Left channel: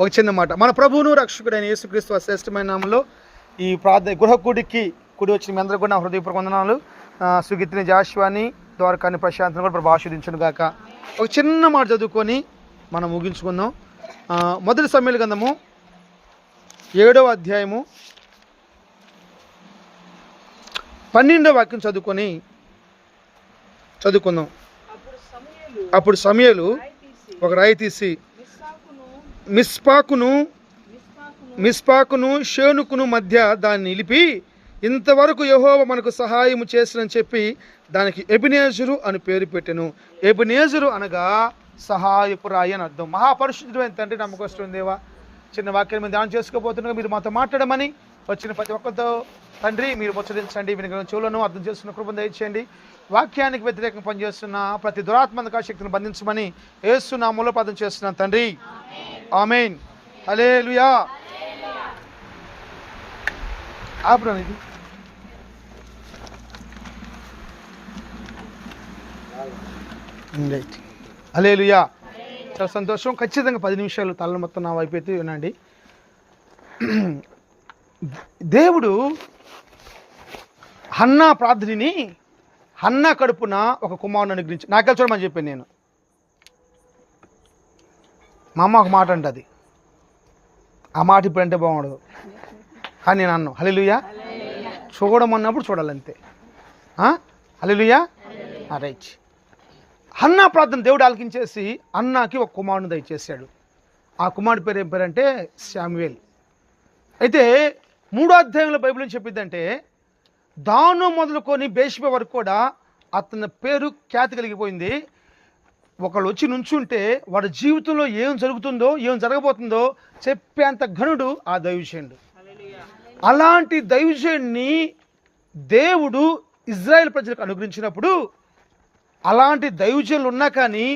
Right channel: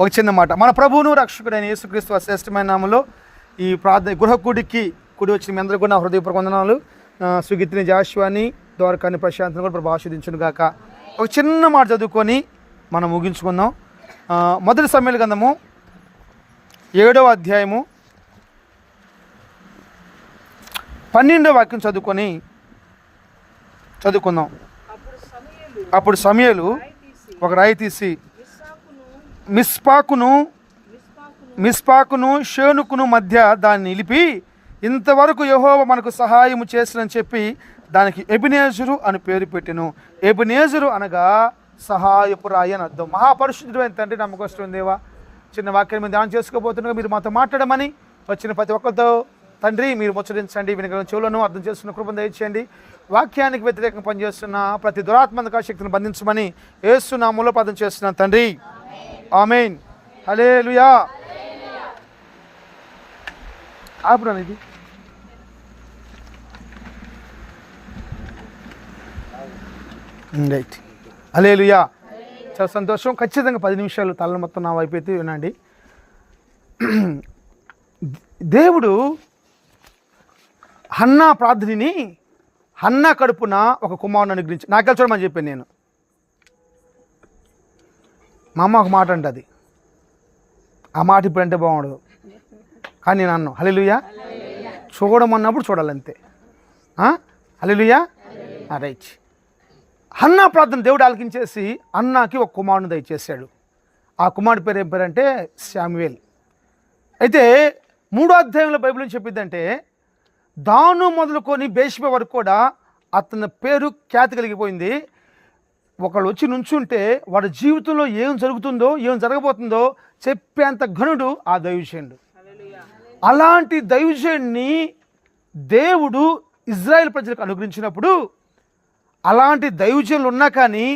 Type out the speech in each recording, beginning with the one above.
ఒక చిన్న మాట. మన ప్రభువును రక్షకుడైన యేసుక్రీస్తు శ్రేష్టమైన నామంలో ఈ గృహ కూడి వచ్చిన మీ అందరూ కూడా నా హృదయపూర్వక వందనాలు. సుగీతిని జాషువాని ద్వారకాని ప్రశాంతను కూడా ప్రభు ఆశీర్వదించును గాక. ఒక చిన్న మాట చదువుకొని మనం ముగించుకుందాం. మొదటి సమూయేలు గ్రంథము 7వ అధ్యాయము 12వ వాక్యం చదువుకుందాం. అప్పుడు సమూయేలు ఒక రాయి తీసి మిస్పాకును షేనుకును మధ్య దాన్ని నిలిపి, ఇంతవరకు యెహోవా మనకు సహాయము చేసినని చెప్పి దానికి ఎబెనేజరు అని పేరు పెట్టెను. ఎబెనేజరు అనగా సహాయపు రాయి అని అర్థం. మహాపరిశుద్ధుడైన తండ్రి, నమ్మకస్తుడైన దేవా, చిన్న వాక్యం మీద ధ్యానం చేసుకోబోతున్నా. మీరు మాతో మాట్లాడమని వచ్చిన ప్రతి ఒక్కరితో తండ్రి మీరు ముచ్చరించండి. వినగల చెవులను అర్థం చేస్తున్న కృపను దయచేయండి. వాక్యానికి వ్యతిరేకంగా పనిచేస్తున్న ప్రతి దురాత్మక శక్తిని బంధించమని యేసు నామములో ప్రార్థన చేస్తున్నాను తండ్రి, ఆమేన్. హల్లెలూయా. ఆపురానిది. రైట్. హల్లెలూయా. చాలా సంతోషం. ఖచ్చితంగా 10 నిమిషాలు తల మొత్తం నా వైపు అయితే వినండి. దేవుడు హన్నా ప్రార్థనని, హన్నా కడుపున ఒక కుమారుని అనుగ్రహించి నాకెళ్ళి చూడమని చెప్పాను నేను. మా అమ్మ ఒక మాట అంటది, ఆ మాట ఇప్పుడు అంటే బాగుండదు కానీ నేను అన్నాను. హల్లెలూయా. చూడమన్నప్పుడు చూడాలంతే. హల్లెలూయా. రైట్. హన్నా ప్రార్థన దేవుడు ఆలకించేసి అన్నాకి ఒక కుమారుని దయచేశాడు. ఆ కుమారుడి పేరు ఏం పేరంటే శామ్యూయేల్. అయితే 3వ అధ్యాయంలో బైబిల్ ఏం చెప్పిద్దంటే, దాను మొదలుకొని బేషబ వరకు కూడా అతని పేరు ఖ్యాతి కలిగిపోయింది. ఒకళ్ళు వచ్చి నుంచుంటే వాడి జీవితంలో ఏం జరుగుతుందో ఏం జరగబోతుందో చెప్పేంత ఘనుడు ఆ దైవజనుడు. అలాంటి దైవజనుడిని దేవుడు ఇజ్రాయెల్ ప్రజలకు అనుగ్రహించినప్పుడు, అలాంటి దైవజనులు ఉన్నా కానీ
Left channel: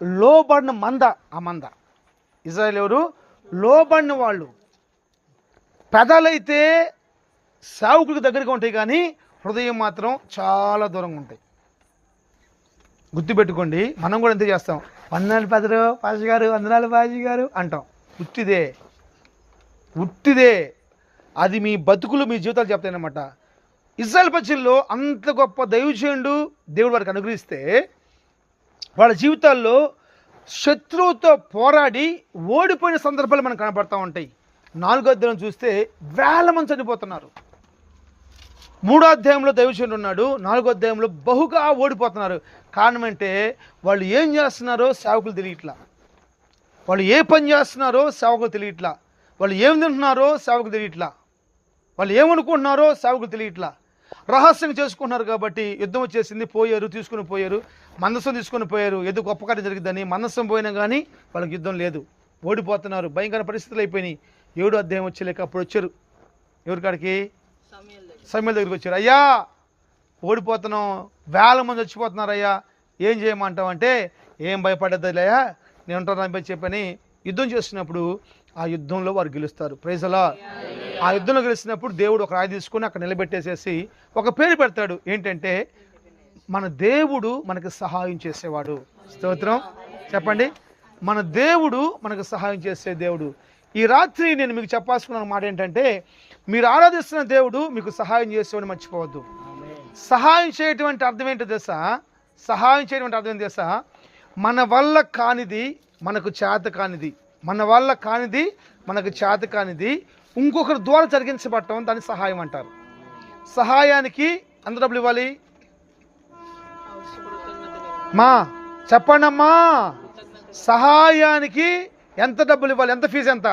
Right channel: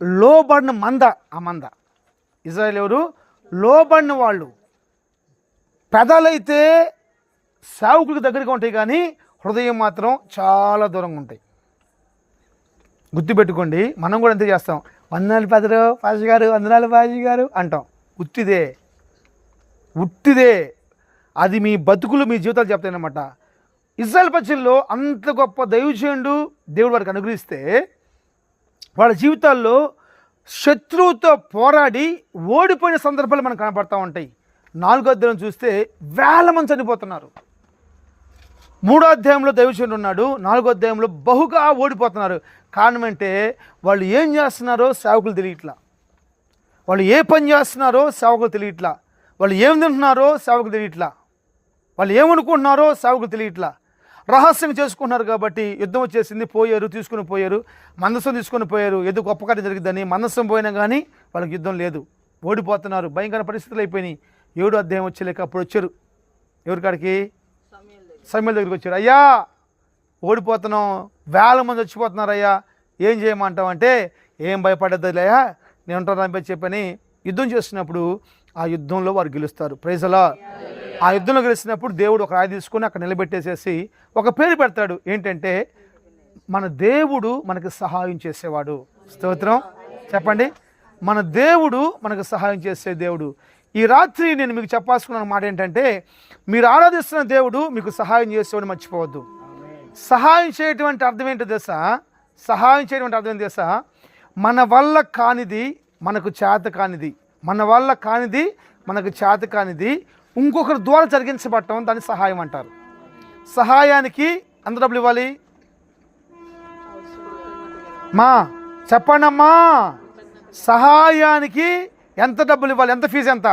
లోబడిన ఆ మంద ఇజ్రాయెల్ ఎవరు? లోబడిన వాళ్ళు. పెదాలైతే సావుకుడికి దగ్గరగా ఉంటాయి కానీ హృదయం మాత్రం చాలా దూరంగా ఉంటాయి. గుర్తుపెట్టుకోండి. మనం కూడా ఎంత చేస్తాం, వందనాలు పెదరు పాజీ గారు, వందనాలు పాజీ గారు అంటాం. ఉట్టిదే. అది మీ బతుకులు, మీ జీవితాలు చెప్తాయన్నమాట. ఇజ్రాయెల్ ప్రజల్లో అంత గొప్ప దైవజనుడు దేవుడు వారికి అనుగ్రహిస్తే, వాళ్ళ జీవితాల్లో శత్రువుతో పోరాడి ఓడిపోయిన సందర్భాలు మనకు కనపడతా ఉంటాయి. 4వ అధ్యాయం చూస్తే వేల మంది చనిపోతున్నారు. 3వ అధ్యాయంలో దైవజనుడు ఉన్నాడు, 4వ అధ్యాయంలో బహుగా ఓడిపోతున్నారు. కారణం అంటే వాళ్ళు ఏం చేస్తున్నారో సేవకులు తెలియట్లా, వాళ్ళు ఏ పని చేస్తున్నారో సేవకులు తెలియట్లా, వాళ్ళు ఏం తింటున్నారో సేవకులు తెలియట్లా, వాళ్ళు ఏమనుకుంటున్నారో సేవకులు తెలియట్లా. రహస్యంగా చేసుకుంటున్నారు కాబట్టి యుద్ధం వచ్చేసింది, తీసుకుని పోయారు, మందసం తీసుకొని పోయారు. ఏదో గొప్ప కార్యం జరిగిద్దని మందసం పోయినా కానీ వాళ్ళకి యుద్ధం లేదు, ఓడిపోతున్నారు. భయంకర పరిస్థితులు అయిపోయినాయి. 7వ అధ్యాయం వచ్చేలేక అప్పుడు వచ్చారు ఎవరికాడికి? సమూయేలు దగ్గరికి వచ్చారు. అయ్యా ఓడిపోతున్నాం, వేల మంది వచ్చిపోతున్నారు అయ్యా, ఏం చేయమంటావంటే, ఏం భయపడద్దయ్యా నేను ఉంటాను చెప్పని యుద్ధం చేస్తున్నప్పుడు ఆ యుద్ధంలో వారు గెలుస్తారు. ప్రైజ్ అలార్డ్. ఆ యుద్ధంలో గెలిచినప్పుడు దేవుడు ఒక రాయి తీసుకొని అక్కడ నిలబెట్టేసేసి ఒక పేరు పెడతాడు. ఏంటంటే, మన దేవుడు మనకు సహాయం చేసేవాడు. స్తోత్రం చెప్పండి. మన దేవుడు మనకు సహాయం చేసే దేవుడు. ఈ రాత్రి నేను మీకు చెప్పాల్సుకున్న మాట ఏంటంటే, మీరు ఆరాధిస్తున్న దేవుడు మీకు సహాయం చేసేవాడు, మర్చిపోవద్దు. సహాయం చేయటం అంటే అర్థం ఏంటో తెలుసా? సహాయం చేయడం అంటే అర్థం తెలుసా? మన వల్ల కానిది మనకు చేత కానిది, మన వల్ల కానిది మనకు చేత కానిది ఇంకొకరి ద్వారా జరిగించబడటం, దాన్ని సహాయం అంటారు. సహాయానికి ఎంత డబ్బులు ఇవ్వాలి? చెప్పండమ్మా. సహాయానికి ఎంత డబ్బులు ఇవ్వాలి? ఎంత ఫీజు? ఎంత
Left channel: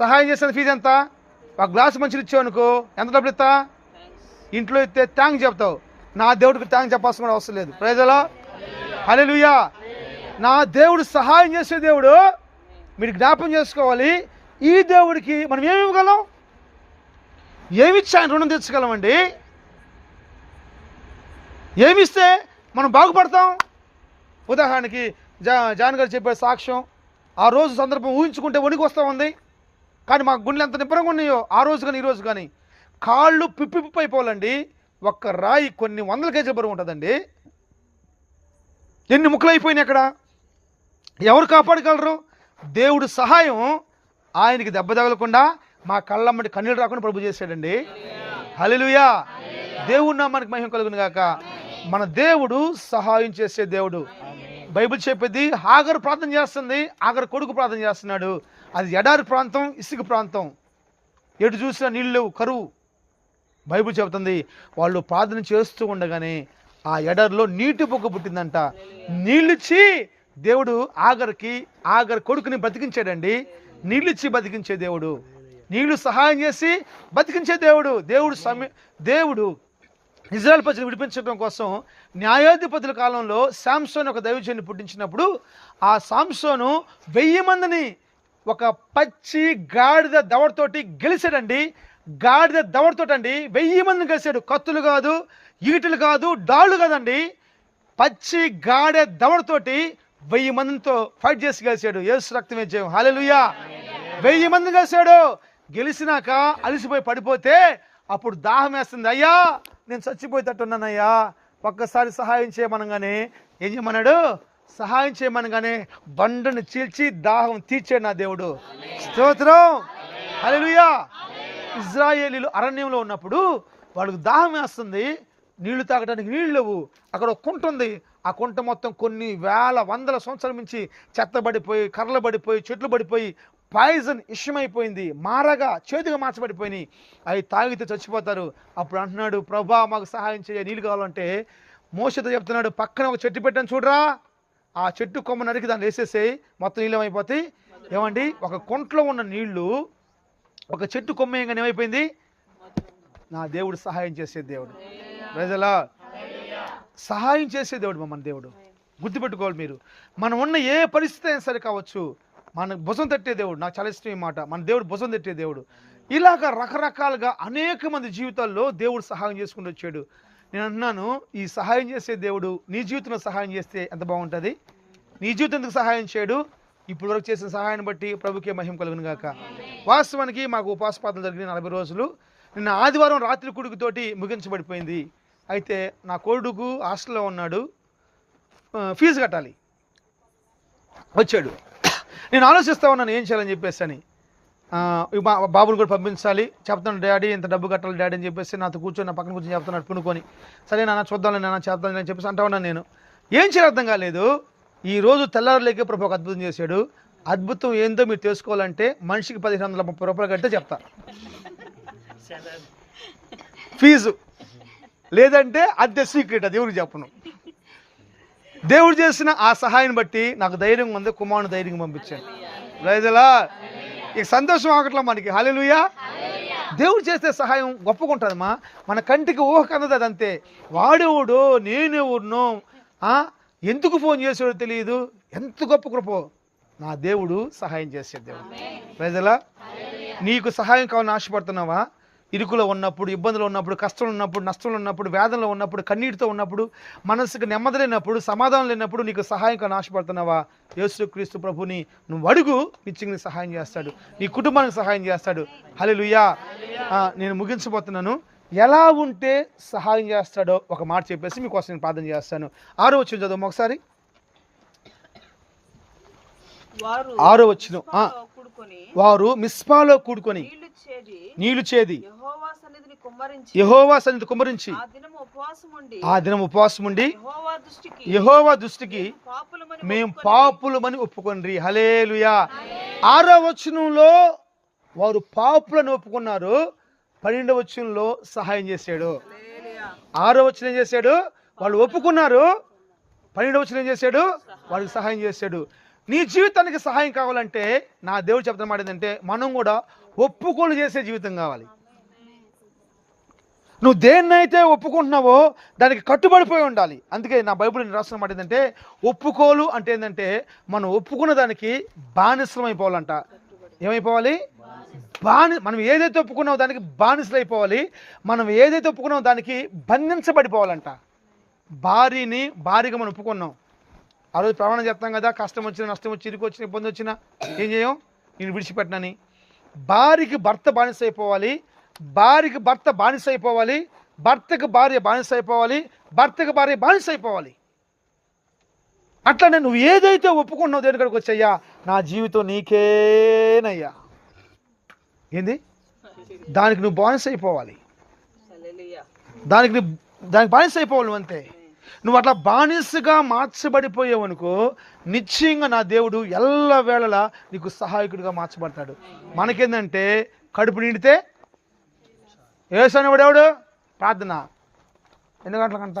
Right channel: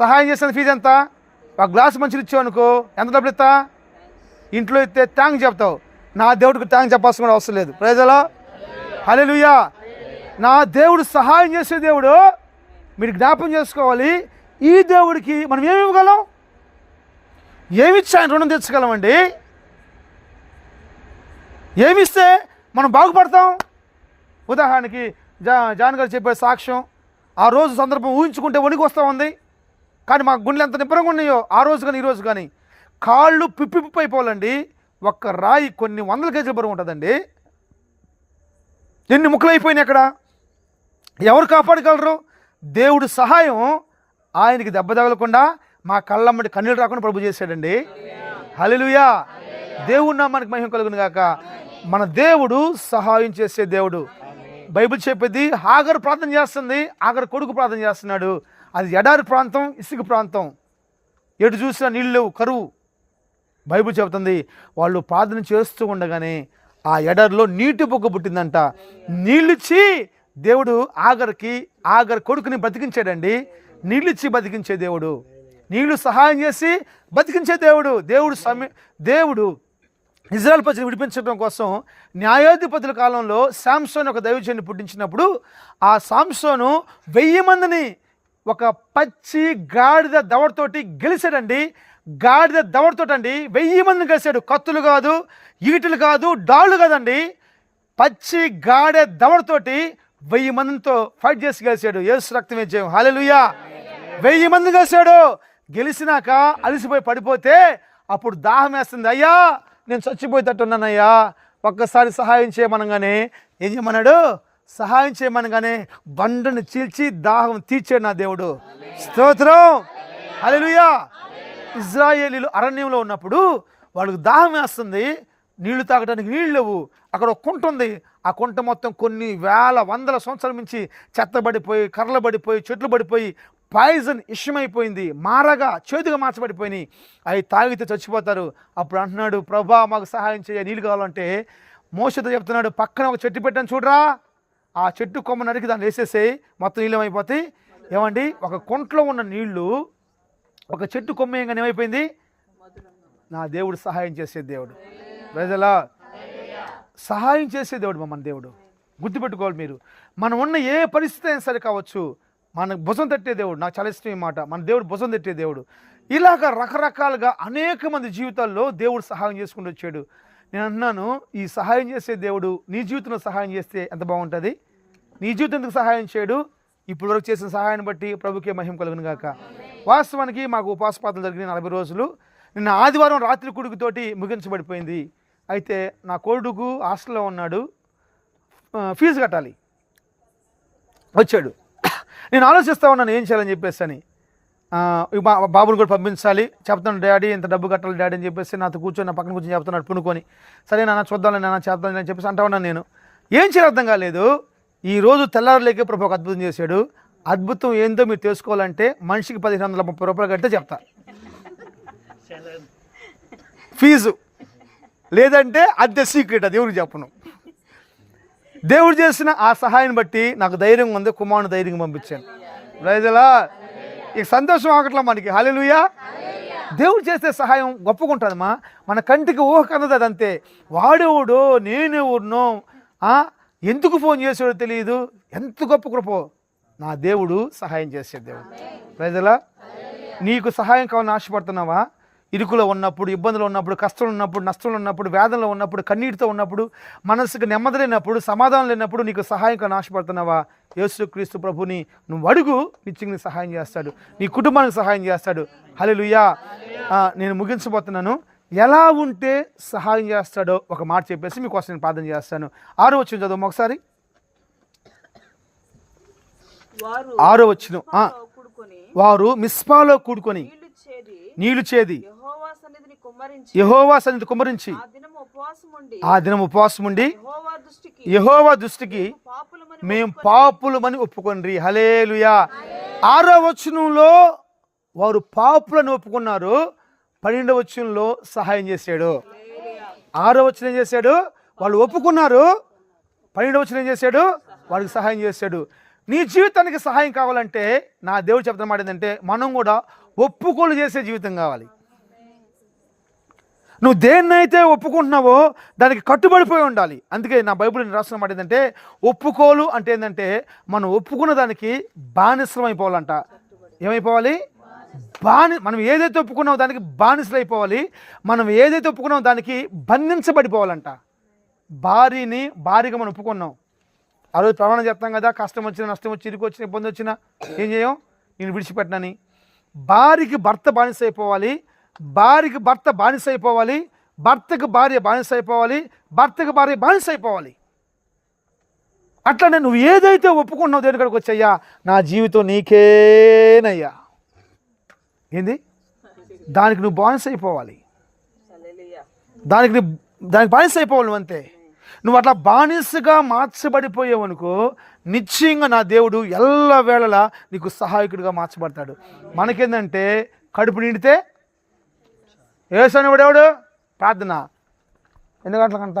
సహాయం చేసిన ఫీజు ఎంత? ఒక గ్లాసు మంచిలు ఇచ్చావు అనుకో, ఎంత డబ్బులు ఇస్తా? ఇంట్లో ఇస్తే థ్యాంక్స్ చెప్తావు. నా దేవుడికి థ్యాంక్స్ చెప్పాల్సిన కూడా అవసరం లేదు. ప్రైజ్ అలార్డ్. హల్లెలూయా. నా దేవుడు సహాయం చేసే దేవుడు. మీరు జ్ఞాపకం చేసుకోవాలి, ఈ దేవుడికి మనం ఏమి ఇవ్వగలం? ఏమిచ్చి ఆయన రుణం తెచ్చుకోగలమండి? ఏమిస్తే మనం బాగుపడతాం? ఉదాహరణకి జాన్ గారు చెప్పే సాక్ష్యం, ఆ రోజు సందర్భం ఊహించుకుంటే వణికి వస్తూ ఉంది. కానీ మా గుండెలు ఎంత నిబ్బరంగా ఉన్నాయో ఆ రోజు కానీ ఈ రోజు కానీ. కాళ్ళు పిప్పి అయిపోవాలండి. ఒక్క రాయి కొన్ని వందల కేజీల బరువు ఉంటుందండి. ఎన్ని ముక్కలు అయిపోయినాయి అక్కడ. ఎవరు కాపాడగలరు? దేవుడు సహాయం ఆయనకి దెబ్బ తగలకుండా మా కళ్ళమ్మడి కన్నీళ్ళు రాకుండా ప్రభు చేశాడండి. హల్లెలూయా. దేవుడు నామానికి మహిమ కలుగును గాక. మన దేవుడు సహాయం చేసే దేవుడు. బైబిల్ చెప్పేది హాగరు ప్రార్థన చేస్తుంది, హాగరు కొడుకు ప్రార్థన చేస్తున్నాడు. అది ఎడారి ప్రాంతం, ఇసుక ప్రాంతం, ఎటు చూసినా నీళ్ళు లేవు, కరువు. బైబిల్ చెబుతుంది వాళ్ళు ప్రార్థన చేస్తూ ఉండగానే ఆ ఎడారిలో నీటి పొక్క పుట్టిందంట. నీళ్ళిచ్చి దేవుడు ఆగర్ కొడుకుని బతికించాడండి. నీళ్ళిచ్చి బతికించే దేవుడు, నీళ్లు సహాయం చేసి బతికించే దేవుడు. దేవుడు ఇజ్రాయెల్ ప్రజలు విడిపించడం కోసం న్యాయాధిపతుల కాలంలో శాంసోన్ ఒక దైవజనుని పుట్టించినప్పుడు ఆ శాంసోను 1000 మందిని ఒక పచ్చి గాడిద దవడతోటి గెలిచాడండి. గాడిద దవడతోటండి 1000 మందిని గెలిచాడు. కత్తులు కాదు, ఈటలు కాదు, డాళ్ళు కాదండి, పచ్చి గాడిద దవడతోటి 1000 మందితో ఫైట్ చేసి గెలిచాడు. యేసు రక్తమే జయం. హల్లెలూయా. 1000 మంది గెలిచాడు. గెలిచినాక అలసిపోయి పడిపోతే అప్పుడు దాహం వేస్తుంది. అయ్యా నేను చచ్చిపోయేటట్టున్నానయ్యా, ఒక్కసారి సహాయం చేయమనగానే ఏం చేయమన్నాడు? సహాయం చేయమనగానే బండను చీల్చి దాహం తీర్చాడు నా దేవుడు. స్తోత్రం. హల్లెలూయా. ఇజ్రాయేలీలు అరణ్యంలో ఉన్నప్పుడు వాళ్ళకి దాహం వేస్తుంది, నీళ్లు తాగడానికి నీళ్ళు లేవు. అక్కడ ఒక కుంట ఉంది. ఆ కుంట మొత్తం కొన్ని వేల వందల సంవత్సరాల నుంచి చెత్తబడిపోయి, కర్రలు పడిపోయి, చెట్లు పడిపోయి, పాయిజన్ ఇష్టమైపోయింది, మారగా చేదుగా మార్చబడిపోయినాయి. అవి తాగితే చచ్చిపోతారు. అప్పుడు అంటున్నాడు, ప్రభా మాకు సహాయం చేయ, నీళ్ళు కావాలంటే మోషతో చెప్తున్నాడు, పక్కన ఒక చెట్టు పెట్టాను చూడరా, ఆ చెట్టు కొమ్మ నరికి దాన్ని వేసేసేయి, మొత్తం నీళ్ళు ఏమైపోతాయి. ఏమండి, ఒక కుంటలో ఉన్న నీళ్లు ఒక చెట్టు కొమ్మ ఏంగానే ఏమైపోయింది? నా దేవుడు సహాయం చేసే దేవుడు. ప్రజలా సహాయం చేసే దేవుడు మన దేవుడు. గుర్తుపెట్టుకోవాలి మీరు. మనం ఉన్న ఏ పరిస్థితి అయినా సరే కావచ్చు, మన భుజం తట్టే దేవుడు. నాకు చాలా ఇష్టం ఈ మాట, మన దేవుడు భుజం తట్టే దేవుడు. ఇలాగ రకరకాలుగా అనేక మంది జీవితాల్లో దేవుడు సహాయం చేసుకుంటూ వచ్చాడు. నేను అంటున్నాను, ఈ సహాయం చేసే దేవుడు నీ జీవితంలో సహాయం చేస్తే ఎంత బాగుంటుంది. నీ జీవితానికి సహాయం చేయడు, ఇప్పుడు వరకు చేసిన సహాయాన్ని బట్టి ప్రభుకే మహిమ కలుగును గాక. వాస్తవానికి మాకు ఉపాసపాతలు జరిగిన 40 రోజులు నిన్న ఆదివారం రాత్రి కొడుకుతోటి ముగించబడిపోయింది. అయితే నా కొడుకు హాస్టల్లో ఉన్నాడు, ఫీజు కట్టాలి. వచ్చాడు. నేను ఆలోచిస్తూ ఉన్నాను ఏం చేయాలని చెప్పేసి అని. బాబుని కూడా పంపించాలి. చెప్తాను, డాడీ ఇంత డబ్బు కట్టాలి డాడీ అని చెప్పేసి నాతో కూర్చొని నా పక్కన కూర్చొని చెప్తున్నాడు పునుకొని. సరే నాన్న చూద్దాంలే నాన్న చేద్దాం అని చెప్పేసి అంటా ఉన్నాను. నేను ఏం చేయాలి అర్థం కాలేదు. ఈరోజు తెల్లారులేకే ప్రభు ఒక అద్భుతం చేశాడు. అద్భుతం ఏందో మీరు తెలుసుకోవాలంటే మనిషికి 1530 రూపాయలు కడితే చెప్తా ఫీజు, లేదంటే అద్దె సీక్రెట్, అది ఎవరికి చెప్పను. దేవుడు చేసిన ఆ సహాయం బట్టి నాకు ధైర్యం ఉంది, కుమారుని ధైర్యంగా పంపించాను. రైజలా ఇక సంతోషం ఆగట్లా మనకి. హల్లెలూయా. దేవుడు చేసే సహాయం గొప్పగుంటుందమ్మా. మన కంటికి ఊహ కన్నది అదంతే. వాడెవడో నేనెవరినో ఎందుకు ఫోన్ చేసాడో తెలియదు. ఎంత గొప్ప కృపో. నా దేవుడు సహాయం చేసే దేవుడు. రైజలా నీకు సహాయం కావాలని ఆశపడుతున్నావా? ఇరుకులో ఉన్నప్పుడు, ఇబ్బందులు ఉన్నప్పుడు, కష్టంలో ఉన్నప్పుడు, నష్టంలో ఉన్నప్పుడు, వేదనలో ఉన్నప్పుడు, కన్నీటితో ఉన్నప్పుడు, మనసుకు నెమ్మది లేనప్పుడు, సమాధానం లేనప్పుడు నీకు సహాయం కానీ ఆశపడుతున్నావా? యేసుక్రీస్తు ప్రభుని నువ్వు అడుగు, నిత్యంగా సహాయం చేస్తాడు, నీ కుటుంబానికి సహాయం చేస్తాడు. హల్లెలూయా. నేను ముగించబోతున్నాను. ఎలా ఉంటే సహాయం చేస్తాడో ఒక మాట చెప్పేసి మీకోసం నేను ప్రార్థన చేస్తాను. 6వ వచనం చదువు ఒకసారి. 6వ వచనం. వారు మిస్పాలో కూడుకొని నీళ్లు చేది యెహోవా సన్నిధిని కుమ్మరించి ఆ దినం ఉపవాసం ఉండి యెహోవా దృష్టికి మేము పాపులమని ఒప్పుకొండ్రి. హల్లెలూయా. 6వ వచనంలో వారు పాపులను ఒప్పుకున్నారు. 12వ వచనంలో సహాయం చేశాడు. 6వ వచనం ఏం చేశాడు? వాళ్ళు ఒప్పుకున్నారు. 12వ వచనం ఏం చేశాడు? వాళ్ళకి సహాయం చేశాడు. నీ జీవితానికి సహాయం కావాలంటే నా దేవుడు చెప్తున్న మాట ఏంటంటే, మనం కూడా ఒప్పుకోలు చేసే జీవితం కావాలి. నువ్వు దేన్నైతే ఒప్పుకుంటున్నావో దానికి కట్టుబడిపోయి ఉండాలి. అందుకే నా బైబిల్ రాసిన మాట ఏంటంటే, ఒప్పుకోలు అంటే ఏంటంటే మనం ఒప్పుకున్న దానికి బానిసలం అయిపోవాలంట. ఏమైపోవాలి? మనం ఏదైతే ఒప్పుకున్నామో దానికి బానిసలు అయిపోవాలి. మనం ఏదైతే ఒప్పుకున్నామో దానికి బంధించబడిపోవాలంట. భారీగా మనం ఒప్పుకున్నాం. ఆ రోజు ప్రమాణం చెప్తాం కదా, కష్టం వచ్చినా, నష్టం వచ్చి, ఇరుకు వచ్చిన, ఇబ్బంది వచ్చినా ఏం చేయం? నేను విడిచిపెట్టినని. భార్యకి భర్త బానిస అయిపోవాలి, భార్యకి భర్త బానిస అయిపోవాలి, భర్తకు భార్య బానిస అయిపోవాలి, భర్తకు భార్య బానిస అయిపోవాలి. అట్లనే నువ్వు ఏదైతే ఒప్పుకున్నావు దేని కాడికి వచ్చయ్యా, నా జీవితం నీకేనయ్యా, ఏంది దానికి నువ్వు బానిస అయిపోవాలి, దానికి బానిస అయిపోవాలి నువ్వు అంతే. నువ్వు అట్లా బానిసగా మార్చబడిపోయావు అనుకో, నిశ్చయంగా నా దేవుడు ఎల్లవేళలా నీకు సహాయకుడిగా మార్చబడతాడు. మనకేందంటే కడుపు నిండితే ఏసనివాడేవాడు ప్రార్థన ఎన్ని గంటలకంట,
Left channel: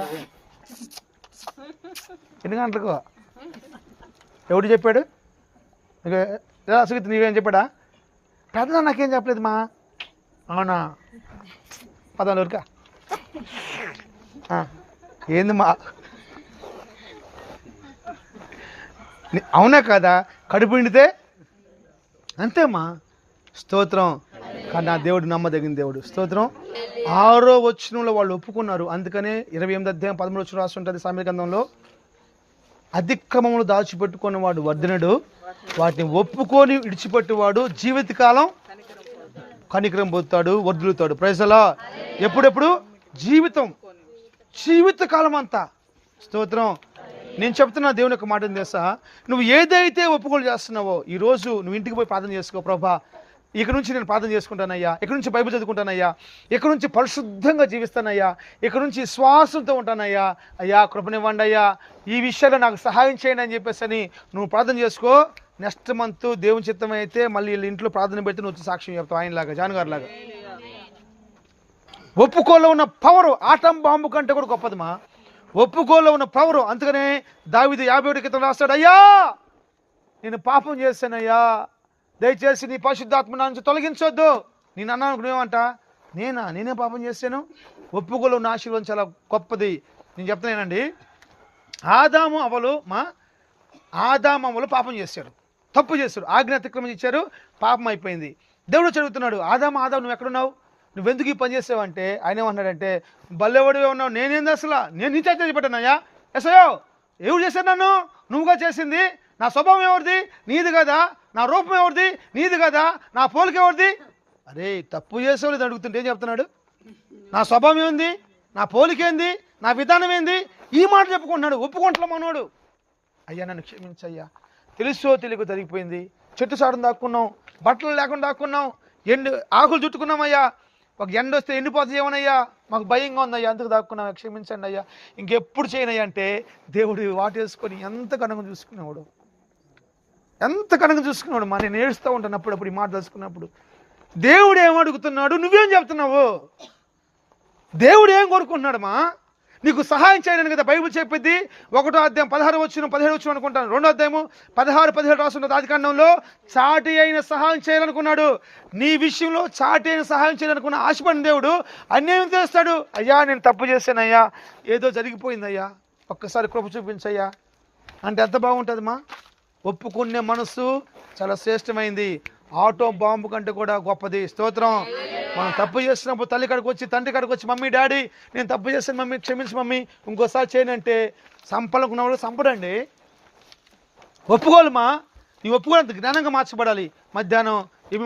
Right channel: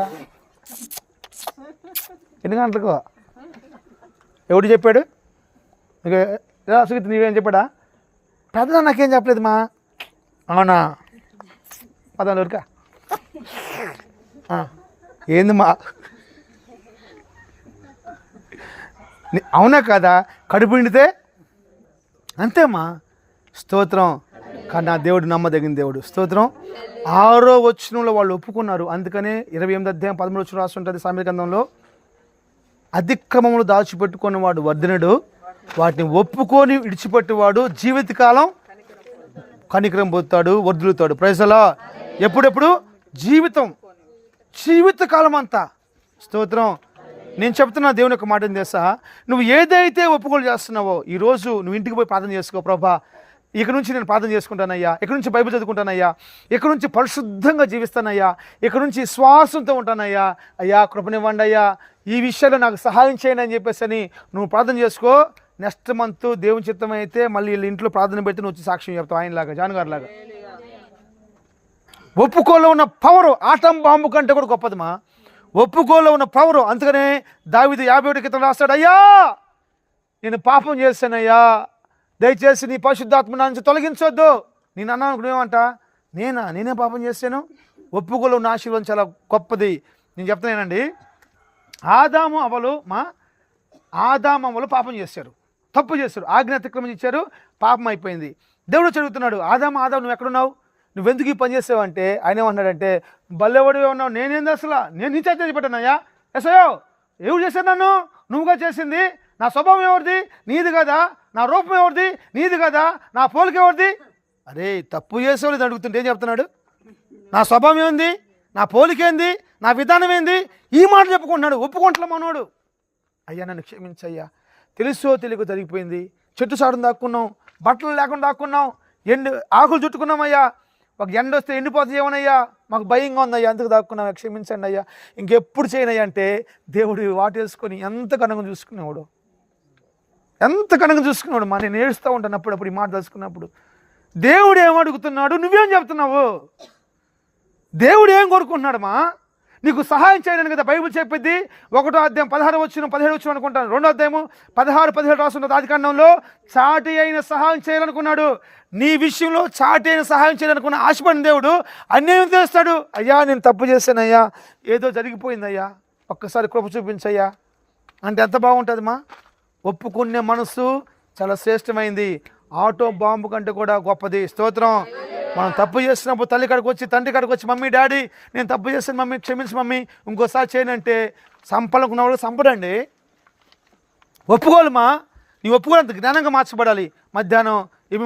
ఎన్ని గంటలకు ఎవడు చెప్పాడు? అసలు నీవేం చెప్పాడా? ప్రార్థన నాకేం చెప్పలేదు మా. అవునా? పదాలు ఊరికా ఏంది మా, అవునా కదా? కడుపు నిండితే అంతేమ్మా. స్తోత్రం. కానీ నా దేవుడు నమ్మదగిన దేవుడు. స్తోత్రం. 6వ వచనంలో వాళ్ళు ఒప్పుకున్నారు. అందుకనే 28వ అధ్యాయం 13వ వచనం రాసి ఉంటుంది సామెతల గ్రంథంలో, అతిక్రమములు దాచిపెట్టుకుని వాడు వర్ధనుడు, వాటిని ఒప్పుకొని విడిచిపెట్టేవాడు జీవితకాలం కనికరం పొందుతాడు, వర్ధులుతాడు. Praise the lord. ఎప్పుడెప్పుడు? జీవితకాలం అంతా. స్తోత్రం. నేను చెప్తున్నా దేవుని యొక్క మాట తెలుసా, నువ్వు ఏదైతే ఒప్పుకోలు చేస్తున్నావో ఈరోజు నువ్వు ఇంటికి పోయి ప్రార్థన చేసుకో. ప్రభా, ఇక నుంచి నేను ప్రార్థన చేసుకుంటానయ్యా, ఇక నుంచి బైబిల్ చదువుకుంటానయ్యా, ఇక నుంచి పరిశుద్ధంగా జీవిస్తానయ్యా, ఇక నుంచి శ్వాసంతో ఉంటానయ్యా, అయ్యా కృపనివ్వండి అయ్యా, ఈ విషయంలో నాకు సహాయం చేయండి అని చెప్పేసి అని నువ్వు ప్రార్థన చేసుకో. నెక్స్ట్ మంత్ దేవుని చిత్తం అయితే మళ్ళీ వీళ్ళ ఇంట్లో ప్రార్థన పెడితే నువ్వు వచ్చి సాక్ష్యం చెప్తావు, ఆయనలాగా, జాన్ గారు లాగా. ఒప్పుకోలో ఉన్న పవరు ఆటం బాంబు కంటే కూడా గొప్పదమ్మా. ఒప్పుకోలో ఉన్న పవరు. అందుకనే దావీదు 51 క్రితం రాస్తాడు, అయ్యా నేను పాపం చేశానయ్యా, దయచేసి నీ పరిశుద్ధాత్మ నా నుంచి తొలగించొద్దు. నేను అన్నాను అనుకునేవంట, నేనే పాపం చేశాను. ఒప్పుకోలో ఉన్న ఆశీర్వాదం చాలా గొప్పది. నేను చెప్తున్నానండి, ఆదాము అవ్వలు పాపం చేశారు, తప్పు చేశారు, ఆజ్ఞ అతిక్రమం ఇచ్చారు, పాపం అయిపోయింది. దేవుడు చదువుతున్నాడు, ఆదాము నువ్వు ఎక్కడున్నావు, నువ్వెందుకు ఈ పని చేసావంటే ఆయన ఏమన్నాడంటే, బల్లెవడివే ఉన్నావు, నేనేంది అసలు, నేను నీ చేతి పెట్టానయ్యా. ఎసయో ఎవరు చేశారు నన్ను? నువ్వుగా చేసింది. నా స్వభావం ఎవరిది? నీది కదా. నా రూపం ఎవరిది? నీది కదా. నా పోలిక ఎవరిది? అరే తప్పు చేసేవాళ్ళు అడుగుతుంటే ఏం చెప్తున్నాడు? నా స్వభావం ఏంది, నా పోలిక ఏంది, నా విధానం ఏంది, ఈ మాట చెప్పుకుంటున్నాడు. ఒప్పుకుంటున్నా మనోడు. అయ్యా నన్ను క్షమించయ్యా, తెలుసో తెలియక జరిగిపోయింది, చెట్టు సాడును దాక్కున్నాం, బట్టలు లేకుండా దాక్కున్నాం, ఆకులు చుట్టుకున్నామయ్యా, ఒక ఎండ వస్తే ఎండిపోతే ఏమనయ్యా, మాకు భయంగా ఉందయ్యా, అందుకు దాక్కున్నాం, క్షమించండి అయ్యా, ఇంకెప్పుడు చేయనయ్యా అంటే దేవుడు వాటేసుకొని ఎంత కనుక చూసుకునేవాడు, మా. నేను ఏడుస్తూ ఉంటాను అప్పుడప్పుడు ఈ మాట తెలుసుకున్నప్పుడు. దేవుడు ఏమడుగుతున్నాడు, నువ్వేం చెప్తున్నావు? దేవుడు ఏం కోరుకుంటున్నాడు మా? నీకు సహాయం చేయడానికి కదా బైబిల్ చెప్పిద్ది. 1వ అధ్యాయం 16 వచ్చిన 17 వచ్చిన అనుకుంటాను, 2వ అధ్యాయము 16, 17 రాస్తున్నది ఆదికాండంలో. చాటి అయిన సహాయం చేయాలనుకున్నాడు. నీ విషయంలో చాటి అయిన సహాయం చేయాలనుకున్న ఆశపడిన దేవుడు అన్నేమి చేస్తాడు? అయ్యా నేను తప్పు చేశానయ్యా, ఏదో జరిగిపోయిందయ్యా, ఒక్కసారి కృప చూపించయ్యా అంటే ఎంత బాగుంటుంది మా. ఒప్పుకునే మనసు చాలా శ్రేష్టమైంది, ఆటో బాంబు కంటే కూడా గొప్పది. స్తోత్రం. మనం తప్పు చేసినప్పుడు తల్లి కాడికి వచ్చి, తండ్రి కాడికి వచ్చి, మమ్మీ డాడీ నేను తప్పు చేస్తాను మమ్మీ, క్షమించు మమ్మీ, ఇంకోసారి చేయనంటే సంపలకున్నవాడు సంపడండి. ఒప్పుకోవాలి మా. నీ ఒప్పుకోవాలంత జ్ఞానంగా మార్చబడాలి. మధ్యాహ్నం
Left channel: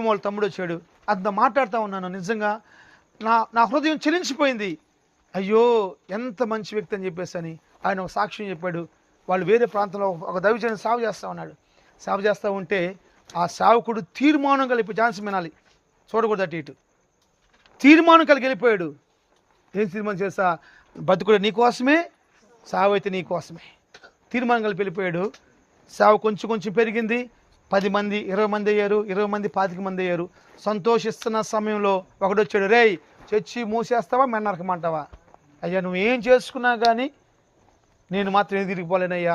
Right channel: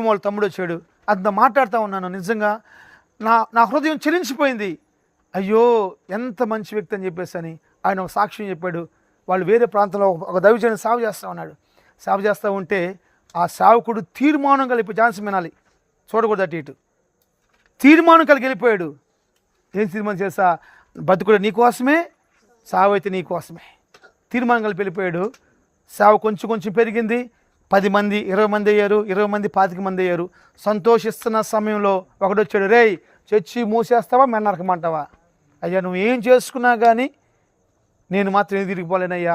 వాళ్ళ తమ్ముడు వచ్చాడు, అంత మాట్లాడుతూ ఉన్నాను, నిజంగా నా హృదయం చెలించిపోయింది. అయ్యో ఎంత మంచి వ్యక్తి అని చెప్పేసి అని ఆయన ఒక సాక్ష్యం చెప్పాడు. వాళ్ళు వేరే ప్రాంతంలో ఒక దైవజనుని సాగు చేస్తూ ఉన్నాడు. సాగు చేస్తూ ఉంటే ఆ సావుకుడు తీర్మానం కలిపి, ఝాన్సీ వినాలి, చూడకూడదు అటు ఇటు, తీర్మానం కలిగి వెళ్ళిపోయాడు. ఏం తీర్మానం చేస్తా, బతుకుడు నీ కోసమే, సావు అయితే నీ కోసమే. తీర్మానం కలిపి వెళ్ళిపోయాడు. సావు కొంచెం కొంచెం పెరిగింది. 10 మంది 20 మంది అయ్యారు, 20 మంది 25 మంది అయ్యారు. సంతోషిస్తున్న సమయంలో ఒకడొచ్చాడు, రేయ్ చర్చి మూసేస్తావా మెన్న నరకమంటావా? అయ్యా నువ్వు ఏం చేసుకున్నా కానీ నేను మాత్రం ఏం తిరిగిపోలేనయ్యా,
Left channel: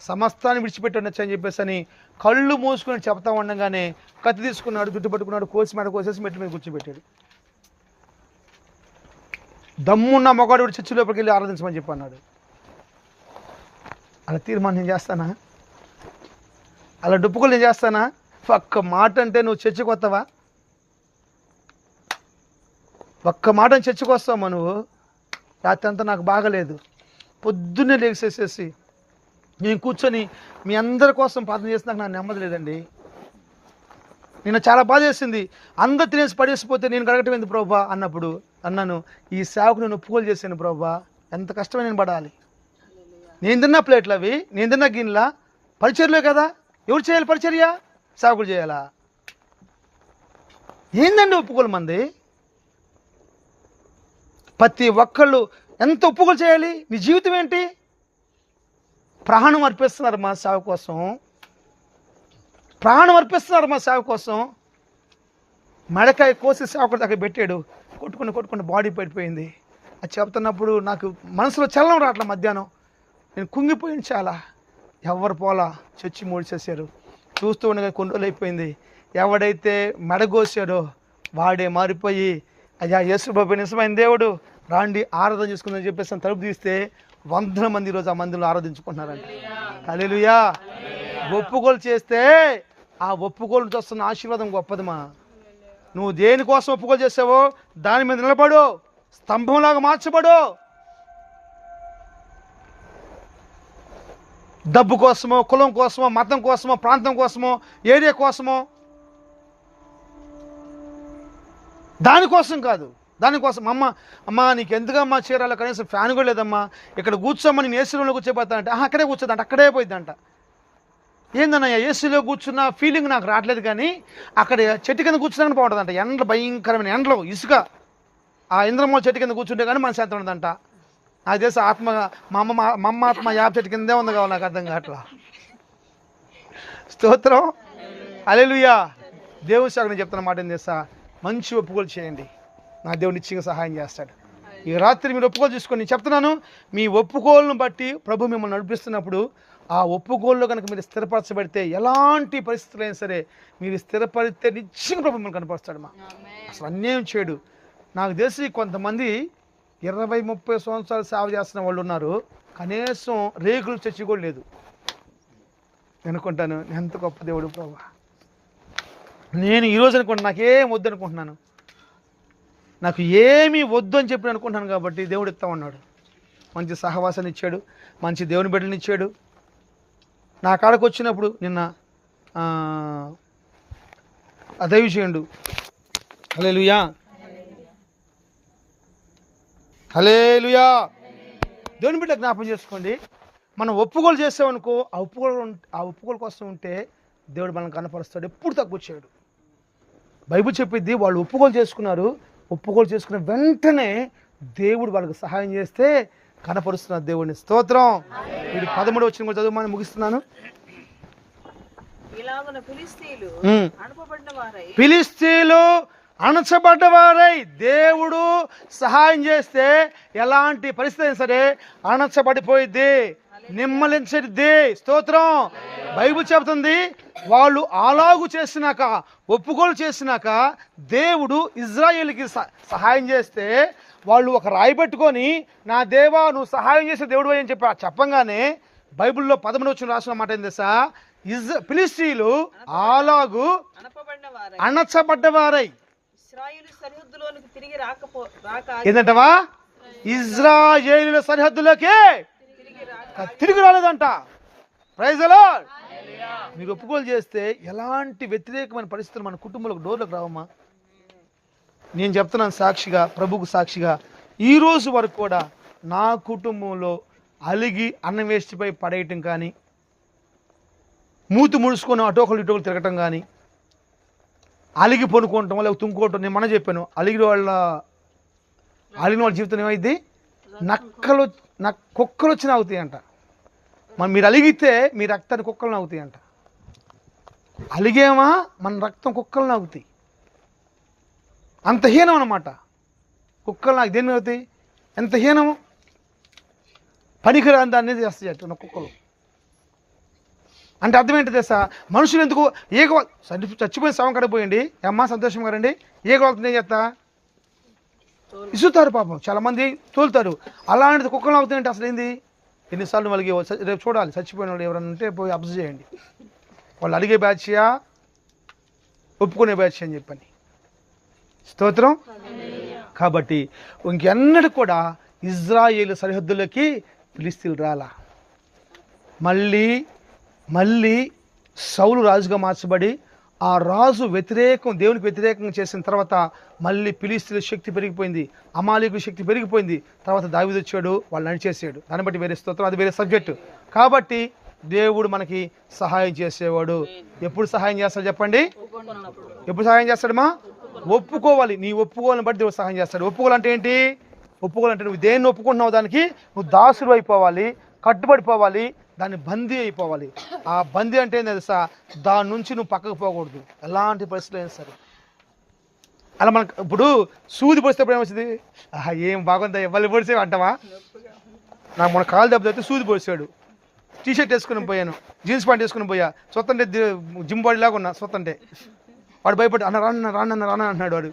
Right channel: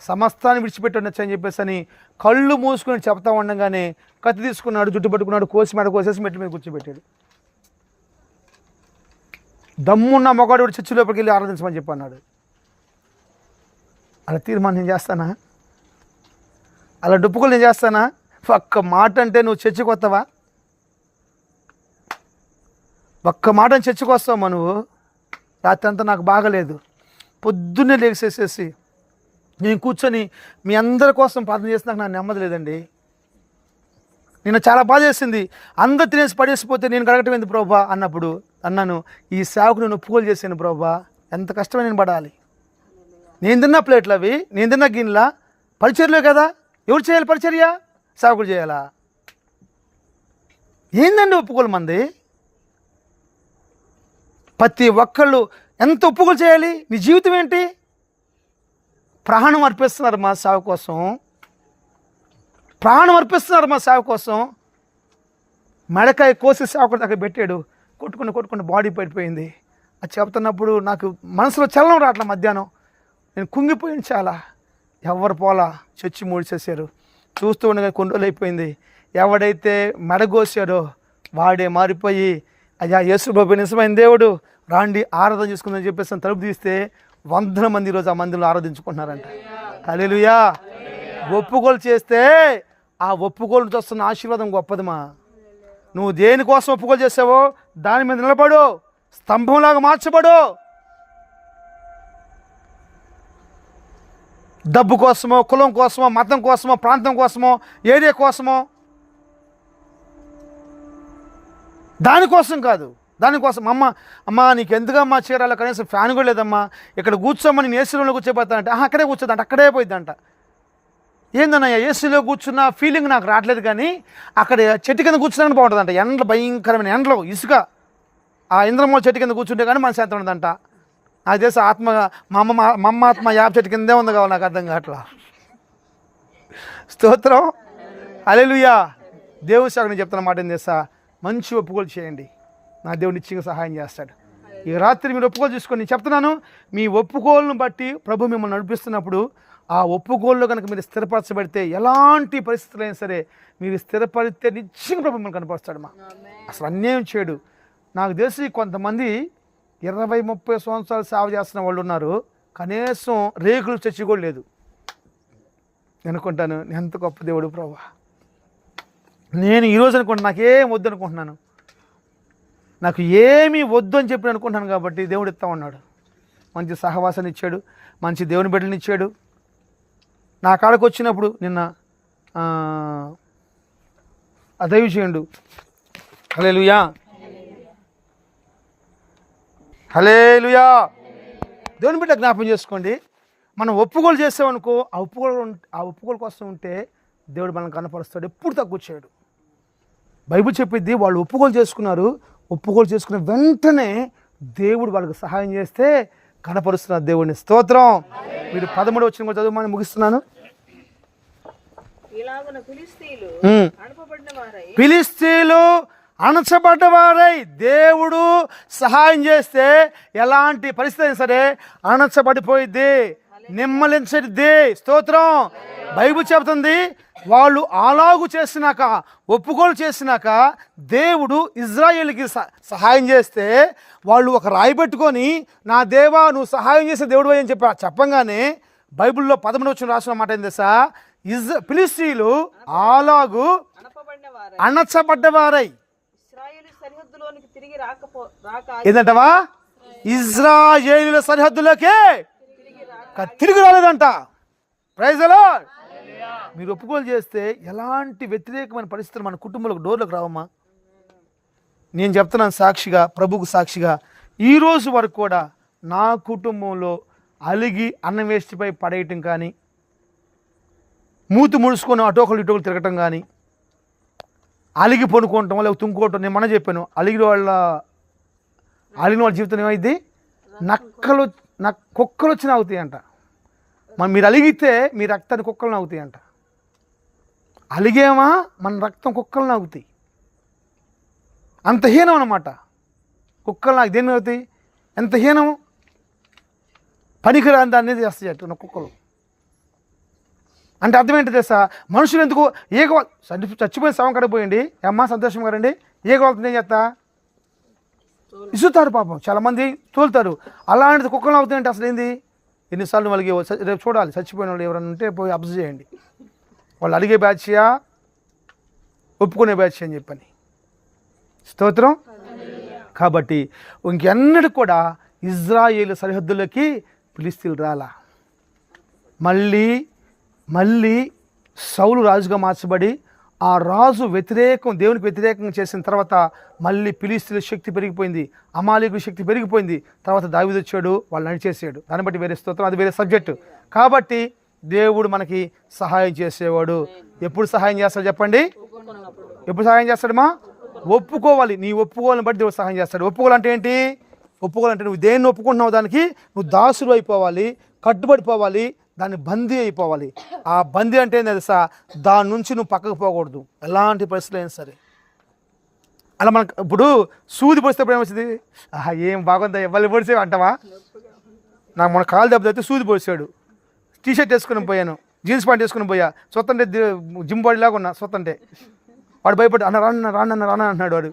సమస్తాన్ని విడిచిపెట్టొచ్చు అని చెప్పేసి అని కళ్ళు మూసుకొని చెప్తా ఉండగానే కత్తి తీసుకున్నాడు, జుట్టు పట్టుకున్నాడు, కోసి మెడ కోసేసి మెట్టు మీద కూర్చోబెట్టాడు. దమ్మున్న మొగాడు చర్చి లోపలికి వెళ్ళి ఆరాధించమని చెప్పన్నాడు. అలా తీర్మానం నేను చేస్తానా? అలా డొప్పుకులు నేను చేస్తానా? ఒక్క మాట అంటే నువ్వు చర్చికి వస్తావా? ఒక్క మాట చర్చికి వస్తావమ్మా నువ్వు? రాత్రి అంతా నాకు బాగలేదు, పొద్దున్నే లేచేసేసి నేను కూర్చొని మీ అందరి కోసం ప్రార్థన చేసినాక నాకు నెమ్మది లేదండి. నేను చాలా బాధ చేసింది. అందరు తినేసి పడేసిపోతే నేను గడగటం ఏంది ప్రభా అన్నాను, ఈ సేవకు నేను ఒప్పుకోలు చేశాను ప్రభా, ఎంత కష్టమే నేను పడాలి. నేను తిన్న ప్లేట్లు అవి, నేను తిన్న గిన్నెల పరిచర్యలే కదా. ఎవరు చేయాలి పరిచర్య? సేవకుడు చేయాలా? ఏందండి ఒప్పుకోలు మంది? ప్రతి ఒక్కళ్ళు ఎంత ఒప్పుకోలు చేయాలి? నీ జీవితం ఏంటి? ప్రాణం అర్పిస్తున్నారు మా సేవ కోసం, ప్రాణం అర్పిస్తున్నారు మా సేవ కోసం. మెడకాయ కోసి సేవకుడు దగ్గర పెట్టాడు, కొట్టుకుని బాడీ పడిపోయింది. అది చెప్తున్నప్పుడు నాకు మనసులో చలనం రావట్లే. మధ్యాహ్నం నేను కుంగిపోయింది చాలా. ఎవరు పోలా, చచ్చి మూడిచేసారు. చూస్తూ ఉండగా కొన్ని రోజులు అయిపోయింది. ఎవడైతే మెడగోసాడో వాడే మారిపోయి, అయ్యా యేసుబాబు నిజమైన దేవుడు రాండి ఆరాధన చేసుకుందని చెప్పేసి తలుపు తీస్తే 100 మంది ఈరోజు ఆ మందిలో ఆరాధించుకుంటున్నారంట. హల్లెలూయా. ఒప్పుకోలు చేస్తే ఆ ఒప్పుకోలు వస్తున్న ఆశీర్వాదం గొప్పదిమా. నువ్వు దేనికోసం ఒప్పుకోలు చేసావో దాని మీద నిలబడు, స్తంభంలాగా మార్చబడు. డబ్బు కోసమో, కులం కోసమో, మతం కోసమో, ప్రాంతం కోసమో, ఏరియా కోసమో, దానికోసం కాదు. దానికోసం అమ్మ నీకు ఎందుకమ్మా చీరాల, కనీసం ఫ్యాన్ కూడా లేదమ్మా, ఇక్కడ కూర్చోమ్మని నేను ఏసీలో కూర్చోపోతానంటే అక్కడే కూర్చోదంట, అక్కడే పోయిద్దంట. ఏందన్నయ్య ఏసీలో కూర్చున్న ఫీలింగ్ నాకు రావట్లేదు, కానీ అక్కడ చెట్టు కింద కూర్చున్నాను బాగుంటుందంట. ఎండలు భయంకరమైన ఎండలో ఇసుక, ఆ ఇంద్రమూల చెట్టు కింద కూర్చుంటే కానీ మన శాంతం ఉందంట. నాకు తెలిసి ఆత్మ మా అమ్మ ఆత్మ యాప చెట్టు కిందే ఉంది కావాలి, నాకు అర్థం కావట్లా. స్తోత్రం. హల్లెలూయా. దేవుని సేవకు నేను చెప్తున్న మాట ఏం చేస్తా, మంచి ఒప్పుకోలు చేయండి, నా దేవుడు నిశ్చయంగా సహాయం చేస్తాడు. ఈ రాత్రి మీరు ఒప్పుకోలు చూసుకొని నేను చెప్తున్నాను, మీ ఒప్పుకోలను బట్టి ప్రభు మిమ్మల్ని నడిపిస్తున్నప్పుడు ఆ ఒప్పుకోల్లో కనుక మీరు స్థిరపరచబడితే ఎలాంటి పరిస్థితులు అయినా సరే మీరు స్థిరపడితే నిశ్చయంగా ప్రభు మిమ్మల్ని కనపరుస్తాడు. అసలు అన్యాయం చేయడు. నాకు తెలిసి కొంతమంది 20-30 సంవత్సరాలు సేవ చేస్తున్న వాళ్ళు ఉన్నారు, కనీసం రేకులు చచ్చి కూడా లేదు. అనుకుంటాను ఎంత గొప్ప దేవుడు ప్రభు. నేను ఈరోజు అనుకుంటున్నాను నాకేం వద్దు అనుకుంటున్నాను, నాకు ఏమీ వద్దు అని చెప్పి అనుకుంటున్నాను. కాబట్టి దేవుడు ఇస్తా ఉన్నాడు, మంచి సహవాసాన్ని ఇచ్చాడు, మంచి దేవుని బిడ్డలను ఇచ్చాడు. నా కాడకు వచ్చినప్పుడు నిన్న అదవి చేయండు. హల్లెలూయా, హల్లెలూయా. దేవుని బిడ్డ జ్ఞాపకం చేసుకోండి, మనం ఒప్పుకోలు చేసామనుకో, ఆ ఒప్పుకోలు కోసం ఉంటే దేవుడు మనల్ని కనపరుస్తాడు, ఎప్పుడు తక్కువ చేయడు. బైబిల్ చెప్పిద్ది, వాళ్ళు ఒప్పుకోలు చేసుకున్నారు, ఒప్పుకోలు చేసుకున్న వెంటనే దేవుడు వాళ్ళకి సహాయం చేస్తే కనపరుస్తున్నారు దేవుడిని. స్తోత్రం. ఇది 13వ వచనం కూడా చదువు, ముగిస్తున్నాను. ఫిలిష్తీయులు అణచబడ్డవారై దేవుడు సహాయం చేస్తే ఎలాంటి పరిస్థితి అయినా సరే అణచబడిపోయిద్ది, నిమ్మలించడిద్ది. స్తోత్రం. బైబిల్ చెబుతుంది, వాళ్ళు అలాగు చేసినాక, ఒప్పుకోలు చేసినాక దేవుడు ఇజ్రాయేలుకి సహాయం చేస్తే వాళ్ళు ఒక రాయి పెట్టుకొని, నా దేవా నువ్వు సహాయం చేసే దేవుడు అని చెప్పంగానే బైబిల్లో 13వ వచనం రాసిన మాట ఏం తెలుసా, ఫిలిష్తీయులు అలాగు అణచబడ్డవారై ఏంటంటవా, ఇజ్రాయేలీయుల సరిహద్దులోకే తిరిగి రాలేదంట. Praise the Lord. మీరు ఒప్పుకోలు చేస్తే ఎలాంటి వ్యతిరేకమైన పరిస్థితులు మన కుటుంబంలోకి డోర్లకు రావమ్మా. నేను చెప్తున్నాను సాక్షిగా, ప్రభుకు సాక్షిగా, ఈరోజు వరకు కూడా నా కుటుంబంలో అలిగి అన్నవేస్టిపై పడేయటం కానీ, మూతి ముడుచుకొని అటోకలు ఇటోకలు తిరగటం కానీ, అలిగి పనుకోవటం లేకపోతే తుంకోవటం. నేను మన చెప్పాను, అలిగిన వాళ్ళ జీవితం ఏమైంది, కుక్కలు వచ్చి నాగుతాయి అంట. మీరు అలిగితే మీ రక్తాన్ని కుక్కలు నాగుతాయి అంట. అలిగేమా మన రక్తం కుక్కలు నాగుతాయి, అంత హీనం అన్నమాట. కుక్కలు నాకు దేన్ని అవుతాయి, ఎంత హీనం. పనికిరాని దాన్ని చేస్తాయి అట్టు కుక్కలు అంటే అర్థం ఏంటి తెలుసా, మనుషులు ఎందుకు చచ్చిపోయి శవం కడిపోయండి అమ్మ సంతోషం కదండి, ఏగోళ్తుంది ఏం చేస్తా ఇసుతారు పాపం, చాలామంది తోలుతారు. అలాంటిది కుక్కలు అవుతాయంటే అసలు ఏంది, ఎన్నిసార్లు వాళ్ళకి రేపు చూడాలి, చచ్చిపోయిన వాళ్ళు ఎవరైనా ఉంటే పోయి అబ్జర్వ్ చేయండి, వాళ్ళు అడిగే బ్యాచ్యా ఒప్పుకునే బ్యాచ్ అని చెప్పని. స్తోత్రం. కాబట్టి ఇంకెన్నడూ కూడా ఇజ్రాయేలు సరిహద్దులకి ఫిలిష్తీయులు రాలా. మళ్ళీ సౌలు రాజుగా మార్చబడి ఆ రాజు దేవునికి వ్యతిరేకంగా చేసిన తర్వాత మళ్ళీ ఫిలిష్తీయుల శక్తి పెరిగిపోయింది. అమాలేకు శక్తి పెరిగిపోయింది. తర్వాత దావీదు వచ్చాడు, వాళ్ళు నడిచేసాడు. దాన్ని బట్టి వేరే స్తోత్రం, అది వేరే సబ్జెక్టు. కాబట్టి దేవుడు మనకి సహాయం చేసేవాడు. ఎప్పుడు సహాయం చేస్తాడు చెప్పండి? ఎప్పుడు సహాయం చేస్తాడమ్మా? ఒప్పుకోవాలి. నీ ఒప్పుకోవాలని బట్టి దేవుడు సహాయం చేస్తాడు. ఒప్పుకోవాలంటే ఏంటి? ఒప్పుకోవాలంటే నువ్వు దేన్ని ఒప్పుకుంటున్నావు దానికి నువ్వు దాసుడు అయిపోవాలి, కట్టుబడిపోవాలి, దాన్ని బందీ అయిపోవాలి. ఆ బందీ అంటే ఏం తెలుసా? దాని నుంచి నువ్వు పక్కకు పోకూడదు ఎలాంటి పరిస్థితులు అయినా సరే. అలా మనకు ఇప్పుడు సూది పొడిచేటప్పుడు ఏమొచ్చింది? ఏం బాగుందా ఎవరు పొడిసే అంటావా? నాకు మన కాలు దెబ్బతో సూది పొడిచాడు. టీషర్ట్ వేసుకుని పోయాను, జీన్స్ ప్యాంట్ వేసుకుని పోయా, సొత్తంటే జిమ్ బాడీ లాగా ఉన్నా. సొత్తంటే వాడు భయపడి అన్న రాన్న అంటున్నాడు. వాడు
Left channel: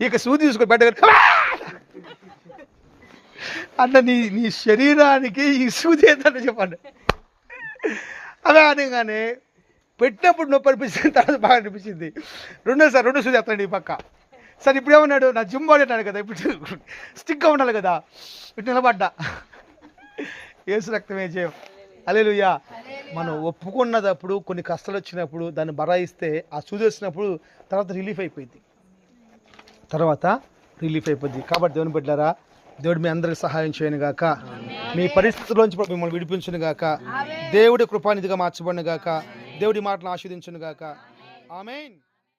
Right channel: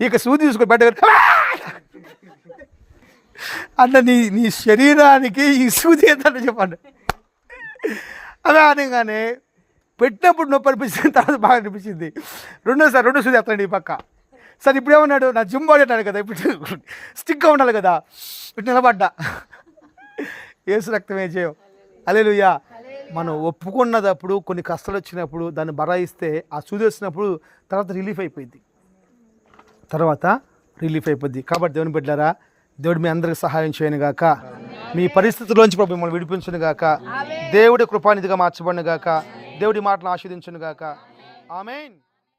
ఇక సూది తీసుకొని బయట అన్న నీ శరీరానికి ఈ సూది ఏంటంటే చెప్పండి. అలా అనగానే పెట్టినప్పుడు నొప్పి అనిపించింది, తర్వాత బాగా అనిపించింది. రెండో సూది ఎత్తండి ఈ పక్క. సరే ఇప్పుడు ఏమన్నాడు? నా జిమ్ బాడీ అన్నాడు కదా, ఇప్పుడు స్టిక్గా ఉండాలి కదా, ఇప్పుడు నిలబడ్డా. యేసు రక్తమే జయం. హల్లెలూయా. మనం ఒప్పుకున్నదప్పుడు కొన్ని కష్టాలు వచ్చినప్పుడు దాన్ని బరాయిస్తే ఆ సూది వచ్చినప్పుడు తర్వాత రిలీఫ్ అయిపోయింది. కాబట్టి దేవుని బిడ్డలారా, దేవుడు మీ అందరికి సహాయం చేయను గాక, మీ పరిస్థితుల్లోంచి ప్రభు మిమ్మల్ని విడిపించును గాక, దేవుడి కృపానిధిగా మార్చబడును గాక, దేవుడి మాటలు ఆశీర్వదించును గాక. ఆమేన్.